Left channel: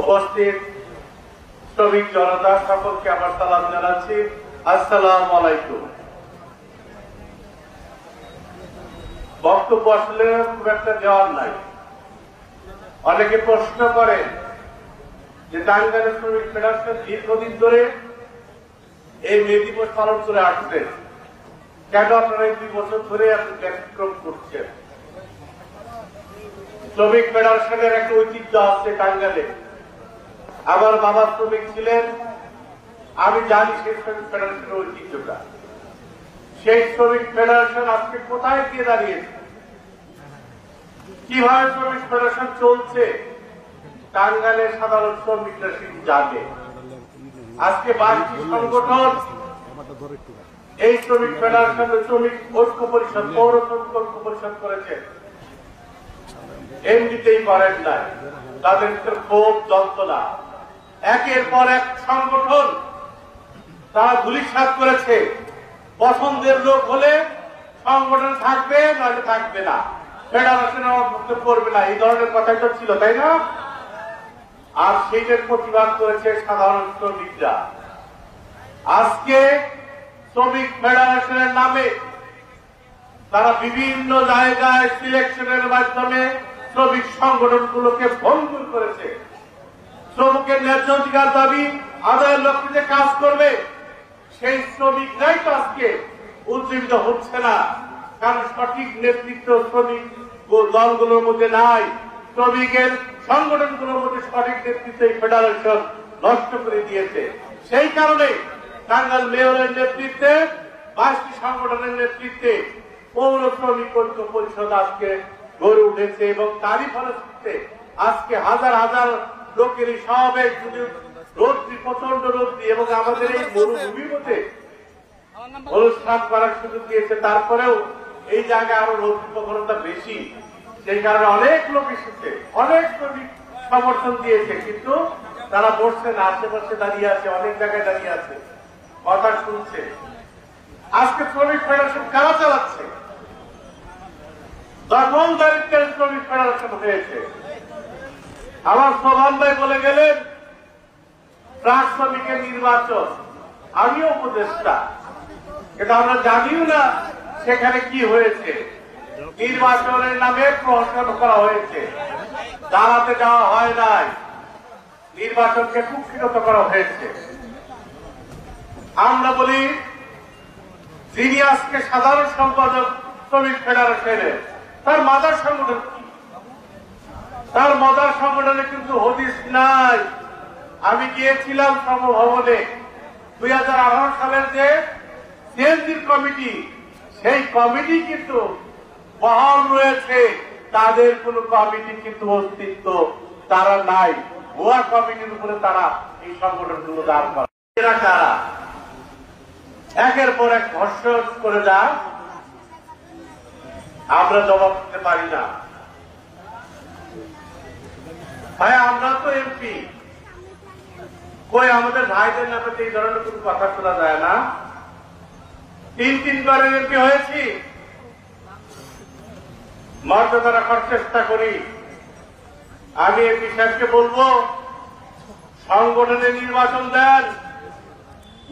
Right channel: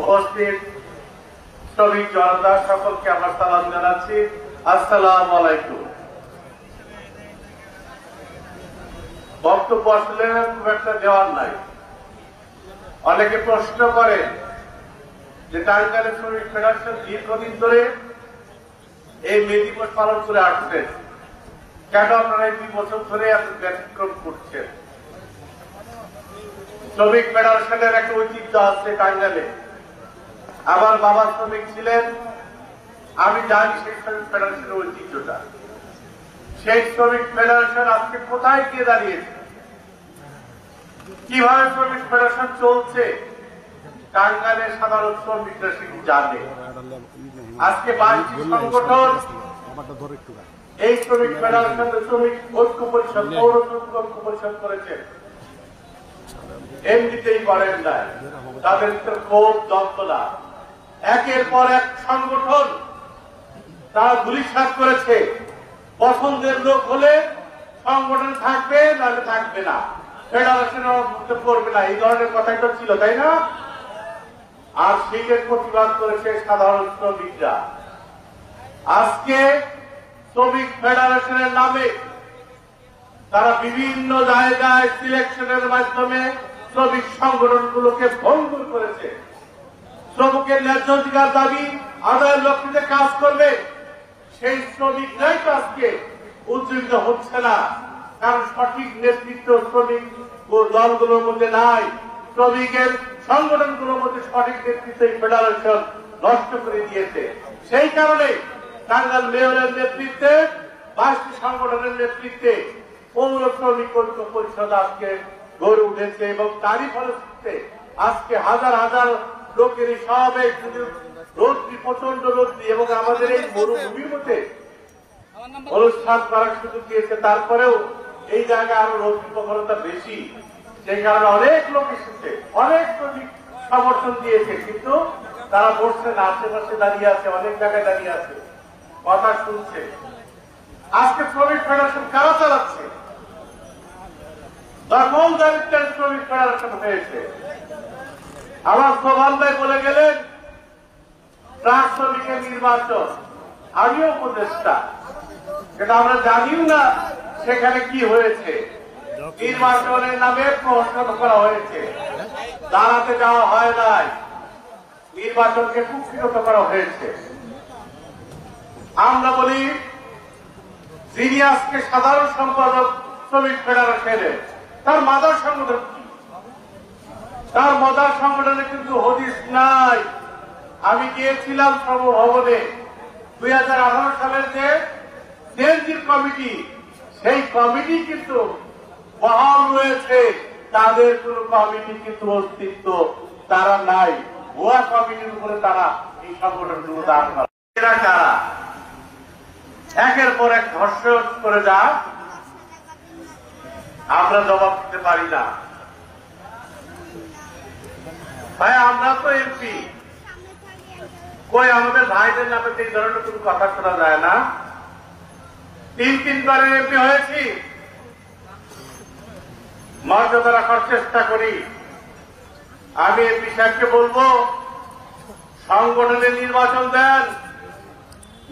উপস্থিত শ্রমিক জনতা সকলকে আমার সালাম জানাচ্ছি। আসসালামু আলাইকুম। বক্তব্য আসলে খুব একটা দেওয়ার নাই। অনেকে প্রশ্ন করে যে টাঙ্গাইল শ্রমিক ফেডারেশন দীর্ঘদিন ধরে এই মে দিবস পালন করে আসছেন, কেন আপনারা এই 2 বছর ধরে এত ব্যতিক্রম করছেন? শ্রমিক ফেডারেশনের একটা ঐতিহ্য আছে টাঙ্গাইলে। আমার বাবা শ্রমিক ছিলেন, আমি জানি সেই শ্রমিক ফেডারেশনের ঐতিহ্যটা। সেই শ্রমিক ফেডারেশন আজকে কোথায় গিয়ে দাঁড়িয়েছে, কিভাবে শ্রমিক ফেডারেশন চলছে, টাঙ্গাইলের সাধারণ শ্রমিকরা সেটি জানে। আজকে 22টি সংগঠন এই শ্রমিক ফেডারেশন, শ্রমিক ঐক্য পরিষদ, পৌর শ্রমিক ঐক্য পরিষদ করেছেন। এমনিতেই পারেন না, তাদের ক্ষোভ যন্ত্রণা, একের পর এক সংগঠন তারা ধূলিসাৎ করেছে। পছন্দের লোক হলে সংগঠন থাকবে, নাহলে থাকবে না, ফেডারেশন অন্তর্ভুক্ত করবে না, এই ধরনের কথাই তো ছিল, তাই না? আর সেইটার প্রতিবাদ করেছে সাধারণ শ্রমিকরা। আজকে শ্রমিক ফেডারেশনের নামে তারা বিভিন্ন জায়গায় সিলেকশনের মাধ্যমে শ্রমিক সংগঠনগুলোকে ভঙ্গুর করেছে। শ্রমিকের ন্যায্য অধিকার দাবি আদায়ের লক্ষ্যে কাজ করবে, সেই শ্রমিকরাই তো আজকে উজ্জীবিত হচ্ছে না, কারণ সঠিক নেতৃত্ব শ্রমিক দলগুলোর মধ্যে নাই। শ্রমিকের সংগঠনগুলোর মধ্যে সঠিক নেতৃত্ব এই ফেডারেশন নষ্ট করে দিয়েছে। সেই কারণে টাঙ্গাইল মেয়রের নেতৃত্বে, 22টি সংগঠনের নেতৃত্বে পৌর শ্রমিক ঐক্য পরিষদ আজকে গড়ে উঠেছে এবং তারই ফলশ্রুতিতে আজকে হাজার হাজার লোকের এই সমাবেশ, রোদ্রি, প্রচন্ড রোদ্রি এবং আমাদের এই মরুভূমির মধ্যে অনুষ্ঠান করার সুযোগ দিয়েছে। তারপরেও এই জায়গায় আরো রোদ্রি প্রবণতা বেশি, সেই কারণে অনেক লোক এসেছে, অনেক শ্রমিক সমর্থন দিয়েছে, কিন্তু তারা বসছে না, আশেপাশে দাঁড়িয়ে আছে, অনেক জায়গায় দাঁড়িয়ে আছে, কথা শুনছে। আজকে শ্রমিক ফেডারেশন কারা চালাচ্ছে? দখলদারিত্বের শ্রমিক ফেডারেশন হয়েছে। আমার সোহান ভাই বলে গেলেন ট্রাক শ্রমিকের নির্বাচন, আমিও উপদেষ্টা, কিন্তু আমরা জানিও না সেখানে কি হয়েছে। নির্বাচনের নামে প্রহসন করা হয়েছে, দাঁড়াতে দেওয়া হয় নাই, নির্বাচনকে কুক্ষিগত করা হয়েছে। আমরা বলি যিনি আজকে সাধারণ সম্পাদক শ্রমিক ফেডারেশনের, তার মাদার সংগঠন কি? তার মাদার সংগঠনে কিন্তু হদিস নাই। আমি গিয়েছিলাম সমভবনে 2018 সালের যে সিএনজির কমিটি, সেই কমিটি কিন্তু বহাল রয়েছে, তাদের কোন কমিটি কিন্তু অস্তিত্ব তারা নাই। ভুয়া কমিটির উপরে তারা এই সংগঠনগুলো দাঁড় করে। এরা কারা? একের পর এক ধর্ষণ করে যায়, আমরা জবাব দিতে পারি না। ভাই আমরা তো এমপি, কই আমাদের ভাইদের নামে এই ধরনের কোন কথা শোনা যায় না। 3 বারের এমপি হয়েছি, মর্যাদা রাখার চেষ্টা করি। আমি এমপি সাহেবকে বলবো সংগঠনে নির্বাচন দেন,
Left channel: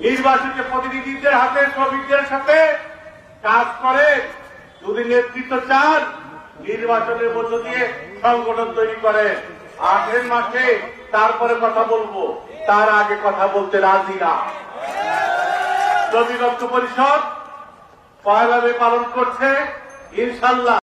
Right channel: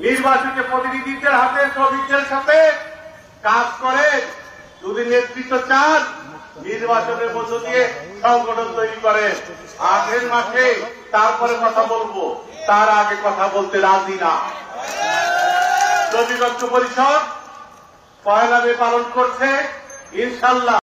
নির্বাচিত প্রতিনিধিদের হাতে শ্রমিকদের সাথে কাজ করে। যদি নেতৃত্ব চান, নির্বাচনের মধ্য দিয়ে সংগঠন তৈরি করেন। 8 মাসে তারপরে কথা বলবো, তার আগে কথা বলতে রাজি না। শ্রমিক ঐক্য পরিষদ 1 মে পালন করছে, ইনশাল্লাহ